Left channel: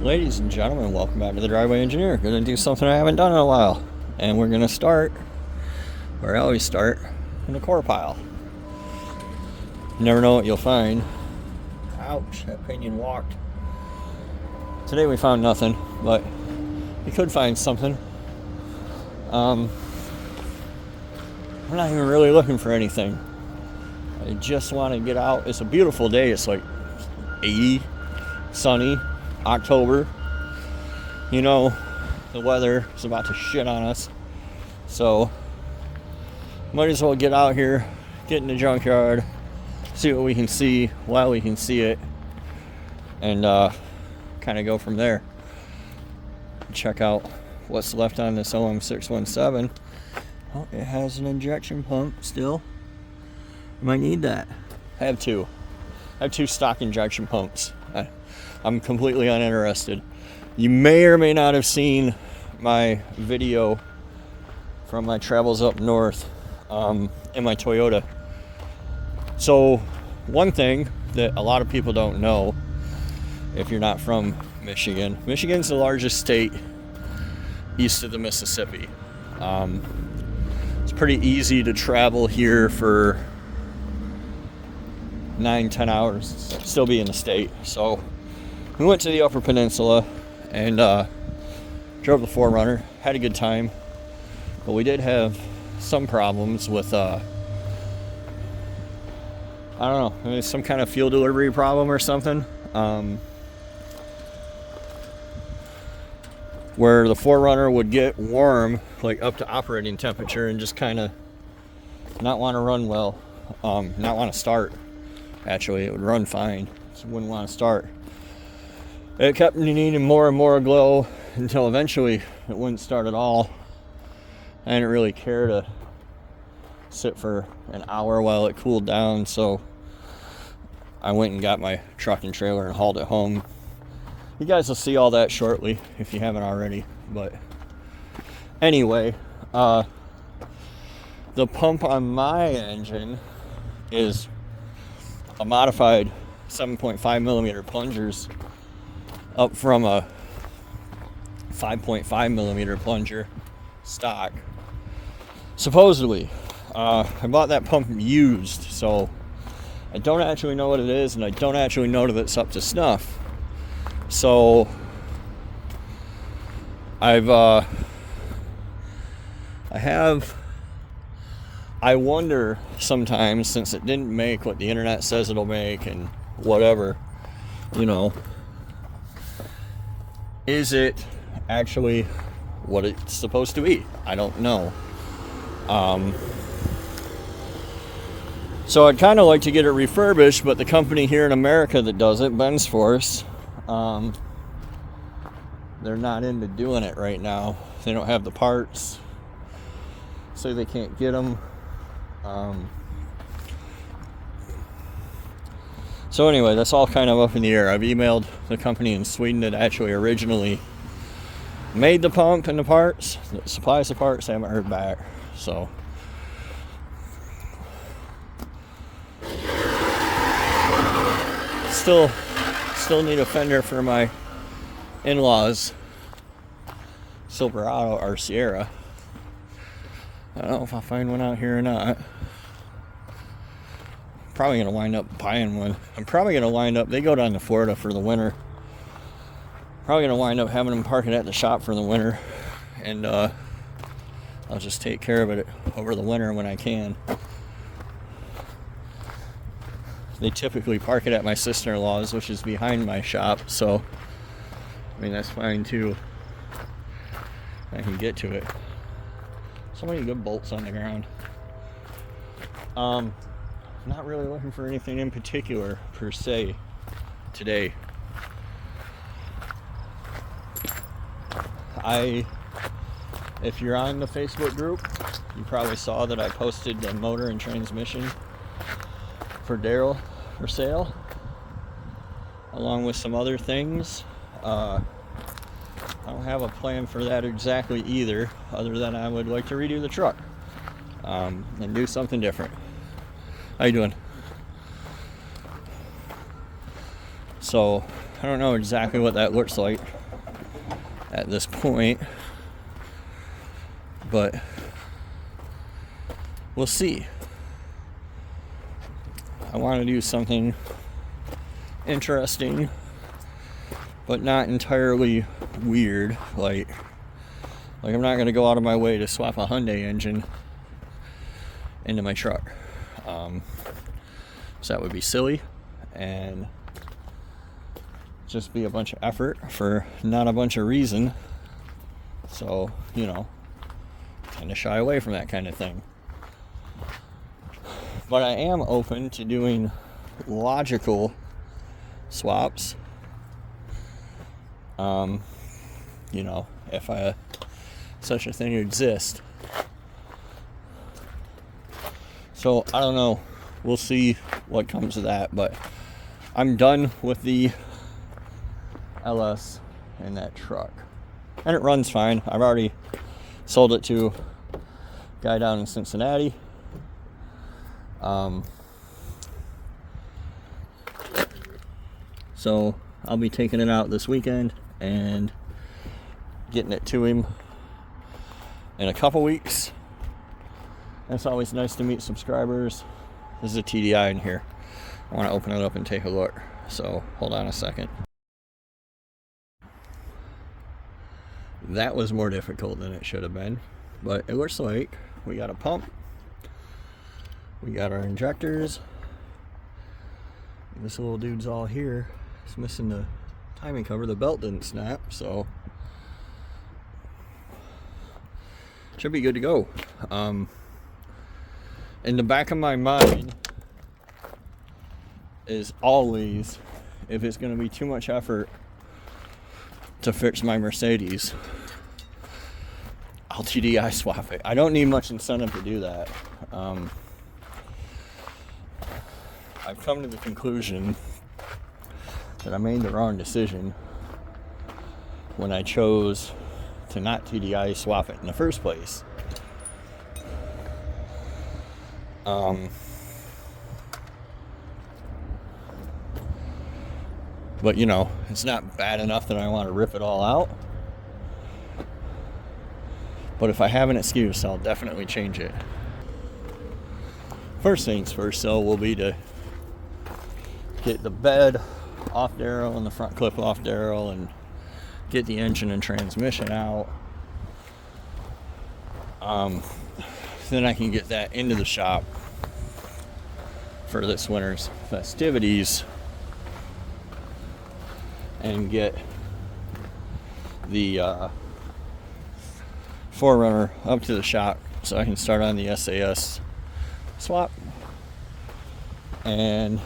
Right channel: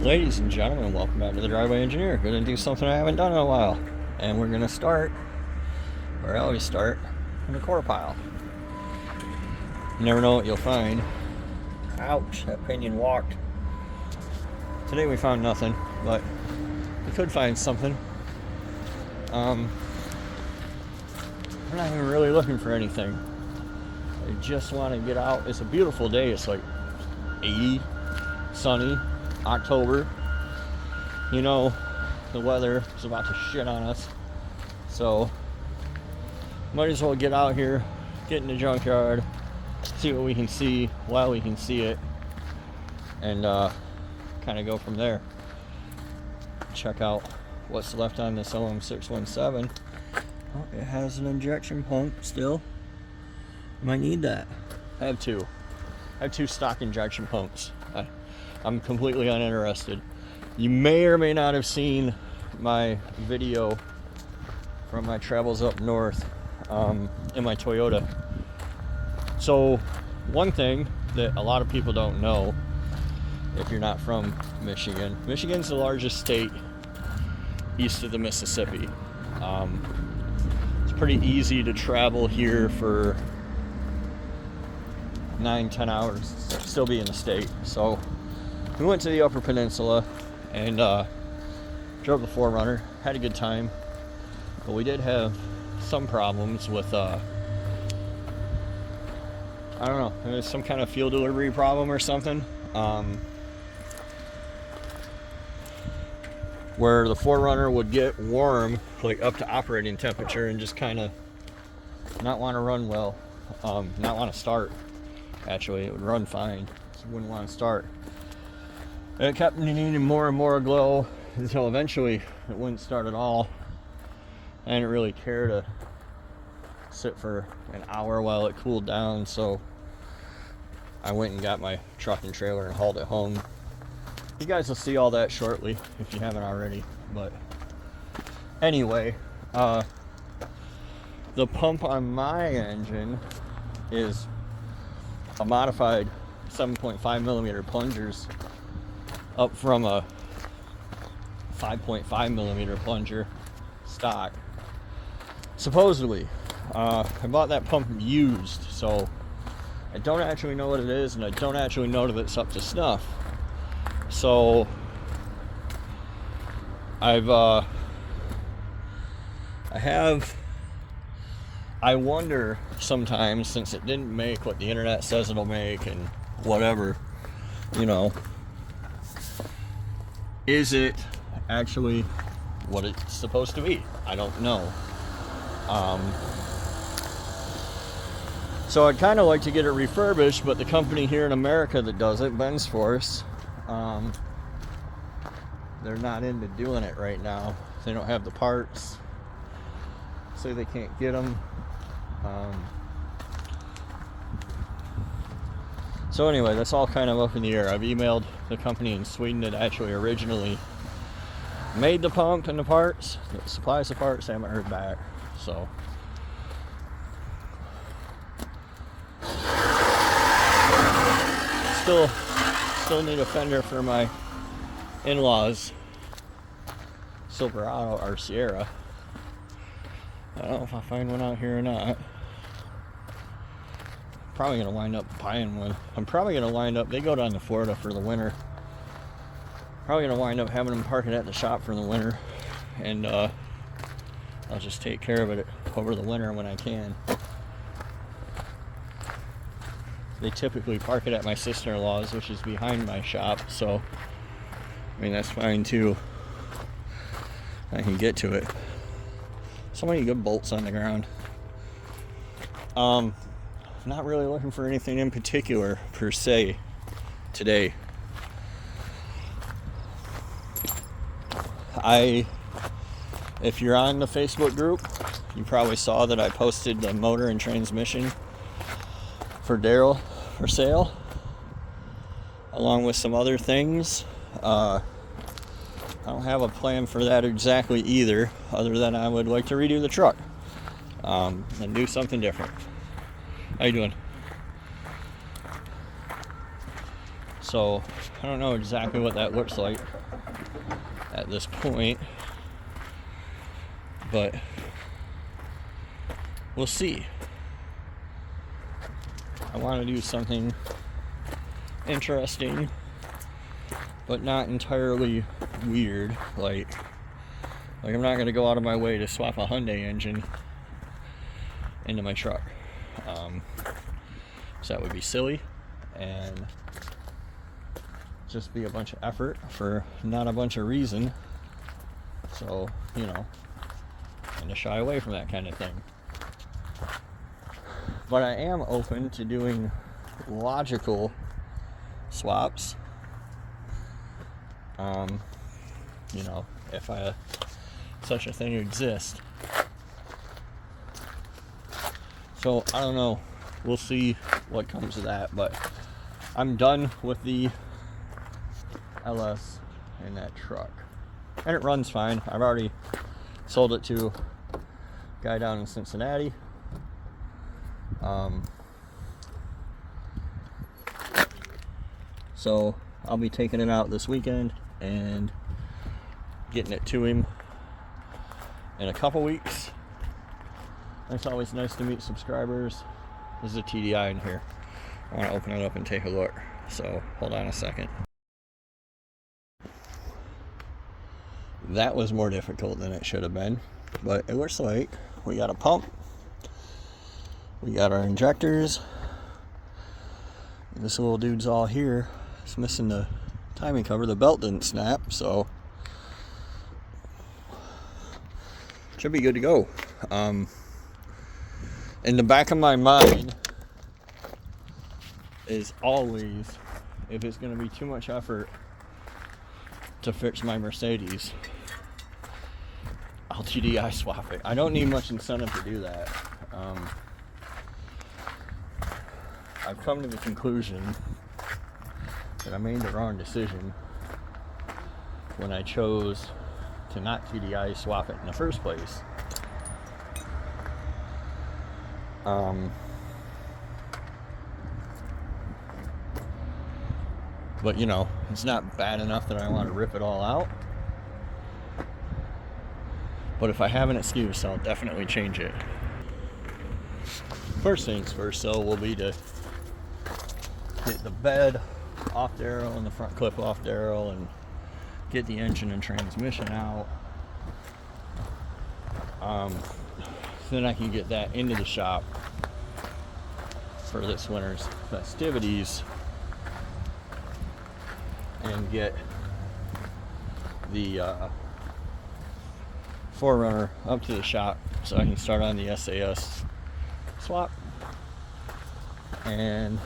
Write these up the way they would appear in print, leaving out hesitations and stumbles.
Ladies and gentlemen, welcome back to the Driveway Engineer. We're going to do something I haven't done in a while. And we're going to start, where I always start, in the core pile. You never know what you'll find. Ouch, that pinion walked. Today we found nothing, but we could find something. I'm not even really looking for anything. I just want to get out. It's a beautiful day. It's like 80, sunny, October. You know, the weather is about to shit on us. So, might as well get out here, get in the junkyard, see what we can see while we can see it, and kind of go from there. Check out what's left on this OM617. Oh, it has an injection pump still. Might need that. I have two stock injection pumps. I'm completely uninterested. You may or may not have seen my video from my travels up north in my Toyota. So one thing that a lot of people don't know, if you're not from Michigan, Michigan's the largest state east of the Mississippi. It's pretty easy to travel here for 9-10 hours, still be in the state. So we went to the Upper Peninsula and drove the 4Runner, had a good time, but we did have some problems with I don't know, it was some kind of fuel delivery problem or something, where the 4Runner would get warm, like up to operating temperature, and just kind of not want to run well, not want to start. Actually, it would run fine, just wouldn't want to start. It kept needing more and more glow until eventually it wouldn't start at all. I didn't really care to sit for an hour while it cooled down, so I went and got my truck and trailer and hauled it home. You guys will see all that shortly if you haven't already. But anyway, the pump on my engine is a modified 7.5 millimeter plungers up from a 5.5 millimeter plunger stock. Supposedly, I bought that pump used, so I don't actually know what it is, and I don't actually know that it's up to snuff. So I wonder sometimes, since it didn't make what the internet says it'll make and whatever, you know, is it actually what it's supposed to be? I don't know. So I'd kind of like to get it refurbished, but the company here in America that does it, Ben's Force, they're not into doing it right now. They don't have the parts, so they can't get them. So anyway, that's all kind of up in the air. I've emailed the company in Sweden that actually originally made the pump and the parts, that supplies the parts. I haven't heard back. So still need a fender for my in-laws Silverado or Sierra. I don't know if I'll find one out here or not. Probably gonna wind up buying one. I'm probably gonna wind up, they go down to Florida for the winter. Probably gonna wind up having them park it at the shop for the winter, and I'll just take care of it over the winter when I can. They typically park it at my sister-in-law's, which is behind my shop, so I mean that's fine too. I can get to it. So many good bolts on the ground. Not really looking for anything in particular per se today. If you're on the Facebook group, you probably saw that I posted the motor and transmission for Daryl for sale, along with some other things. I don't have a plan for that exactly either, other than I would like to redo the truck and do something different. How you doing? So So I don't know exactly what that looks like at this point, but we'll see. I want to do something interesting, but not entirely weird. Like I'm not going to go out of my way to swap a Hyundai engine into my truck. So that would be silly and just be a bunch of effort for not a bunch of reason. So, you know, kind of shy away from that kind of thing. But I am open to doing logical swaps. You know, if such a thing exists. So I don't know. We'll see what comes of that. But I'm done with the LS in that truck, and it runs fine. I've already sold it to a guy down in Cincinnati. So I'll be taking it out this weekend and getting it to him in a couple weeks. It's always nice to meet subscribers. This is a TDI in here. I want to open it up and take a look. So hold on a second. That was more difficult than it should have been, but it looks like we got a pump, we got our injectors. This little dude's all here. It's missing the timing cover. The belt didn't snap, so should be good to go. In the back of my mind is always, if it's going to be too much effort to fix my Mercedes, I'll TDI swap it. I don't need much incentive to do that. I've come to the conclusion that I made the wrong decision when I chose to not TDI swap it in the first place. But you know, it's not bad enough that I want to rip it all out. But if I have an excuse, I'll definitely change it. First things first, though, will be to get the bed off the arrow and the front clip off the arrow and get the engine and transmission out. Then I can get that into the shop for this winter's festivities and get the 4Runner up to the shop so I can start on the SAS swap and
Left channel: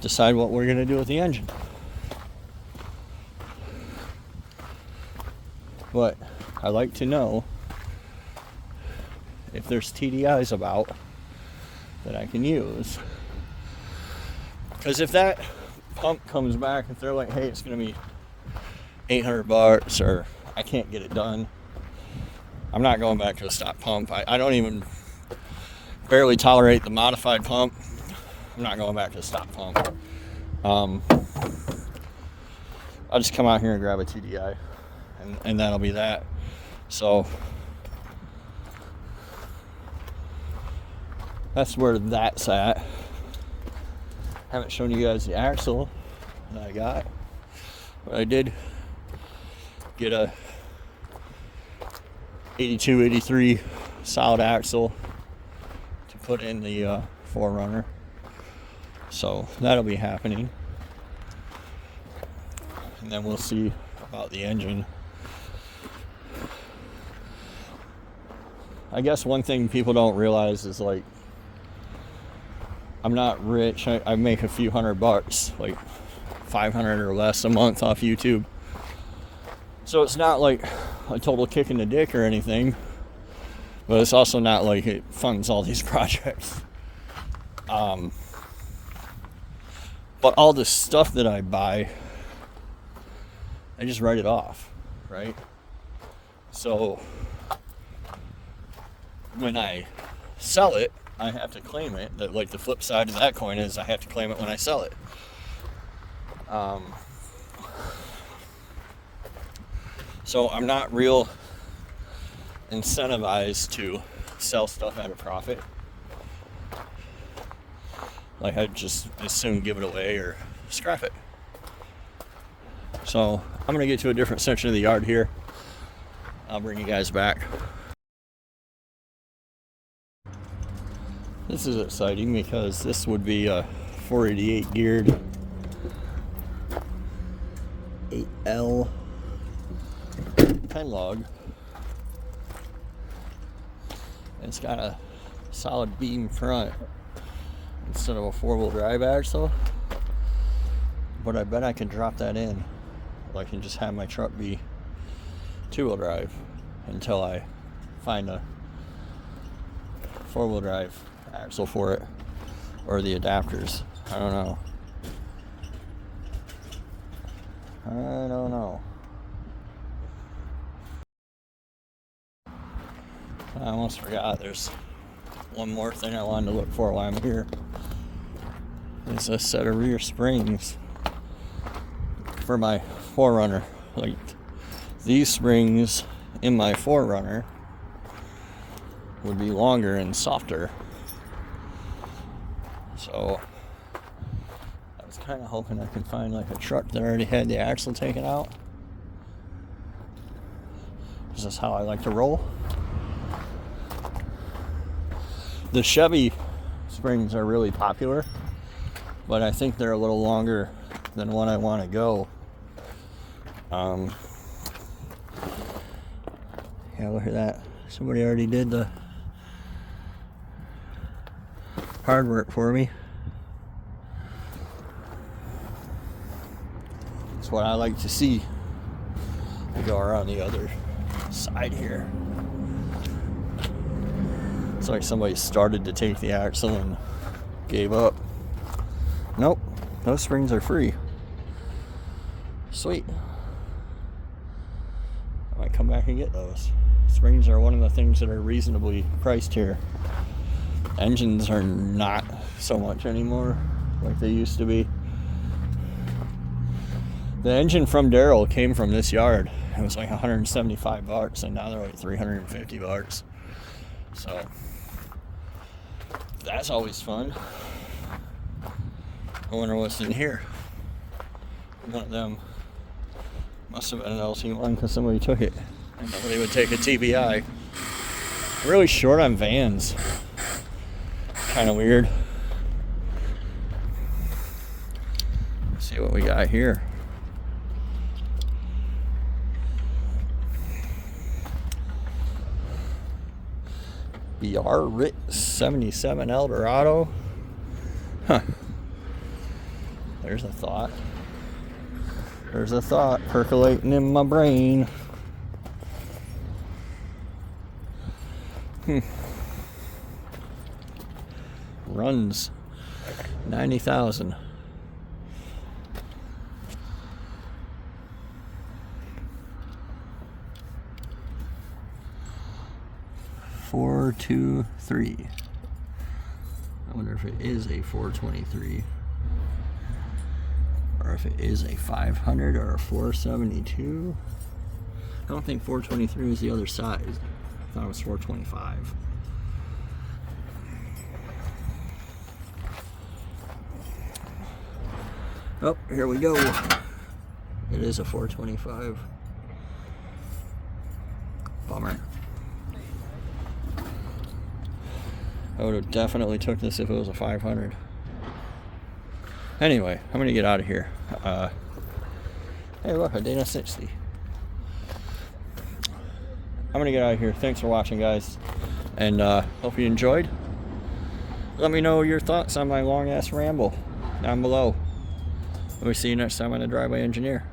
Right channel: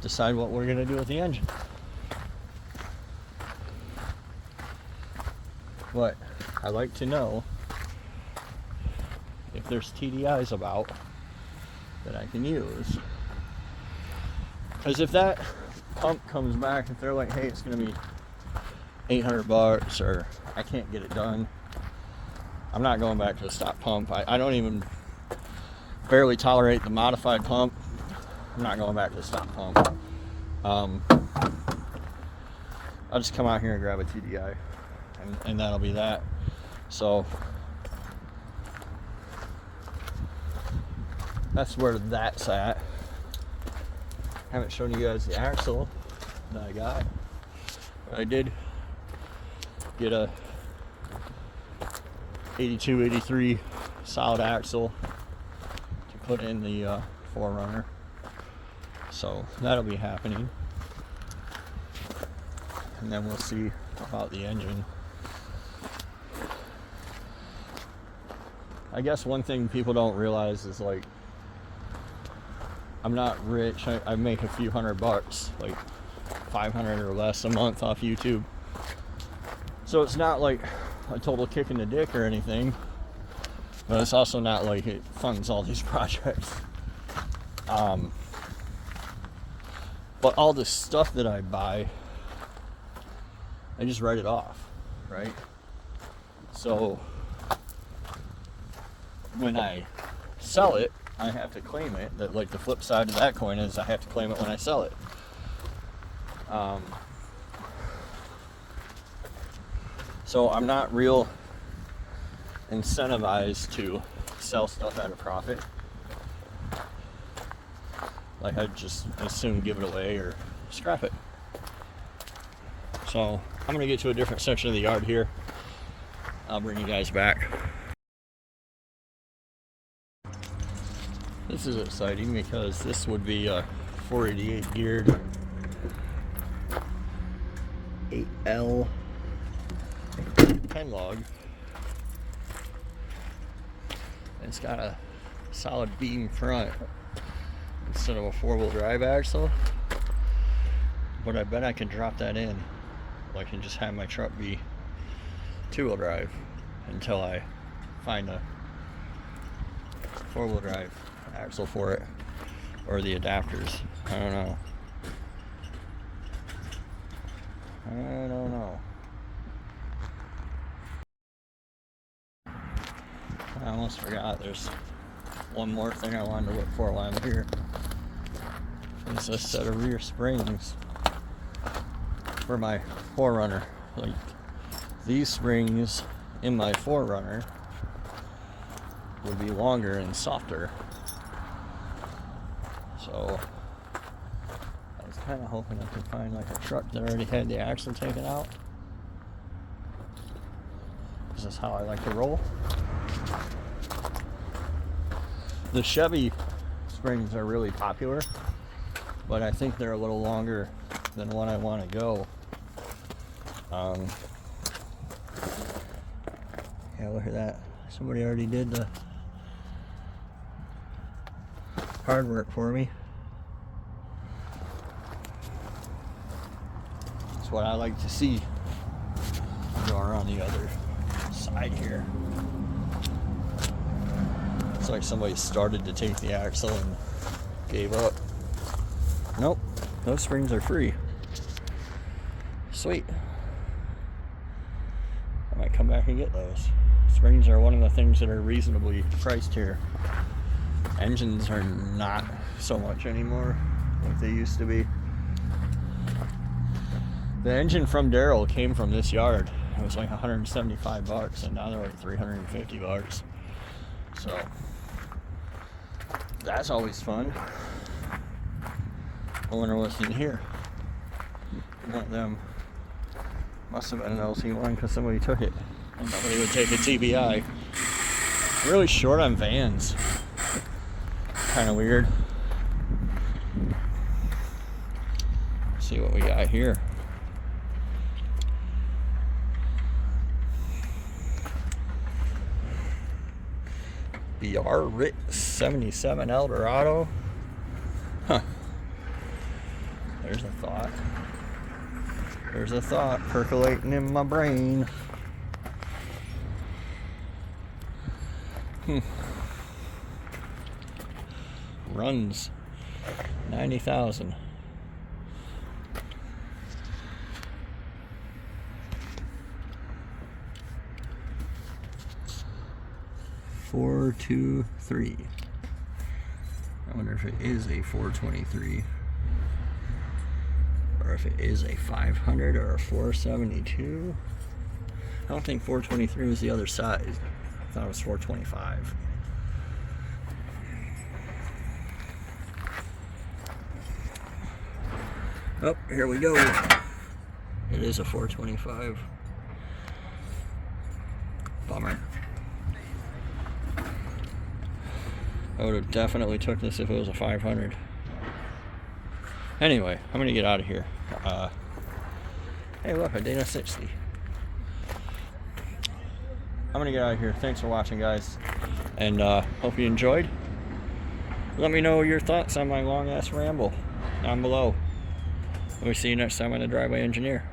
decide what we're going to do with the engine. But I like to know if there's TDIs about that I can use, because if that pump comes back, if they're like, hey, it's going to be $800 or I can't get it done, I'm not going back to a stock pump. I don't even barely tolerate the modified pump. I'm not going back to a stock pump. I'll just come out here and grab a TDI and that'll be that. So that's where that's at. Haven't shown you guys the axle that I got, but I did get a 82, 83 solid axle to put in the 4Runner. So that'll be happening. And then we'll see about the engine. I guess one thing people don't realize is, like, I'm not rich. I make a few $100, like 500 or less a month off YouTube. So it's not like a total kick in the dick or anything, but it's also not like it funds all these projects. But all the stuff that I buy, I just write it off, right? So when I sell it, I have to claim it. That, like, the flip side of that coin is I have to claim it when I sell it. So I'm not real incentivized to sell stuff at a profit. Like, I'd just as soon give it away or scrap it. So I'm gonna get to a different section of the yard here. I'll bring you guys back. This is exciting because this would be a 488 geared 8L pen log. And it's got a solid beam front instead of a 4-wheel drive axle. But I bet I can drop that in. I can just have my truck be 2-wheel drive until I find a 4-wheel drive axle for it, or the adapters. I don't know. I almost forgot, there's one more thing I wanted to look for while I'm here. It's a set of rear springs for my 4Runner. Like, these springs in my 4Runner would be longer and softer. So I was kind of hoping I could find like a truck that already had the axle taken out, because that's how I like to roll. The Chevy springs are really popular, but I think they're a little longer than what I want to go. Yeah, look at that. Somebody already did the hard work for me. That's what I like to see. Go around the other side here. It's like somebody started to take the axle and gave up. Nope, those springs are free. Sweet. I might come back and get those. Springs are one of the things that are reasonably priced here. Engines are not so much anymore like they used to be. The engine from Daryl came from this yard. It was like $175, and now they're at $350. So that's always fun. I wonder what's in here. One of them must have been an LT1 because somebody took it. And nobody would take a TBI. I'm really short on vans. Kind of weird. Let's see what we got here. BR RIT 77 Eldorado. Huh. There's a thought. There's a thought percolating in my brain. Runs 90,000. Four, 2, 3. I wonder if it is a 423, or if it is a 500 or a 472. I don't think 423 is the other side. I thought it was 425. Oh, here we go. It is a 425. Bummer. I would have definitely took this if it was a 500. Anyway, I'm gonna get out of here. Hey, look, a Dana 60. I'm gonna get out of here. Thanks for watching, guys, and hope you enjoyed. Let me know your thoughts on my long ass ramble down below. We'll see you next time on the Driveway Engineer.